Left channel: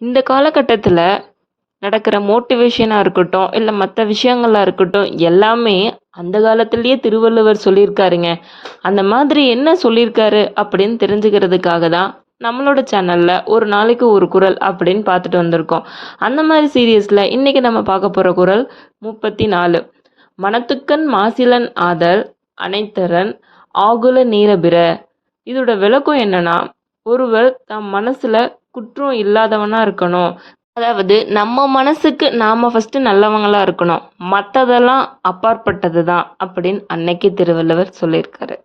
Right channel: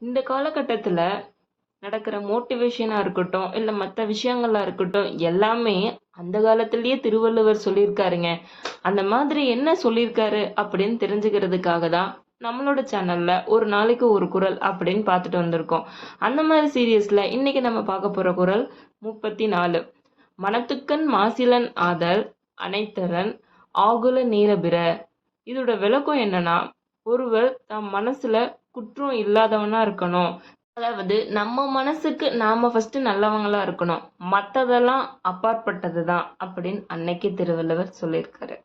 இந்த காலகட்டத்தில் நடக்கிற மோட்டிவேஷனாக இருக்கட்டும், இல்லை மற்ற விஷயங்களா இருக்கட்டும், எல்லாமே அந்த காலத்திலேயே திருவள்ளுவர் சொல்லியிருக்காருங்க. அந்த மாதிரி என்ன சொல்லியிருக்காரு அப்படின்னு தெரிஞ்சுக்கிறதுக்காக தான் நம்மளோட சேனலில் ஒரு நாளைக்கு ஒரு குறள் அப்படின்னு பார்த்துட்டு வந்திருக்கோம். அந்த மாதிரி சீரியஸில் இன்றைக்கி நம்ம பார்க்க போகிற குறள் 34. மனத்துக்கண் மாசிலன் ஆதல் அனைத்தரன் ஆகுல நீரபிற. இதோட விளக்கம் என்னன்னா, ஒருவர் தம் மனசுல குற்றம் இல்லாதவனா இருக்கணும். அதாவது நம்ம மனசுக்கு நாம ஃபர்ஸ்ட் நல்லவங்களா இருக்கணும். மற்றதெல்லாம் அப்பாற்பட்டது தான் அப்படின்னு அன்னைக்கு திருவள்ளுவர் சொல்லியிருக்காரு.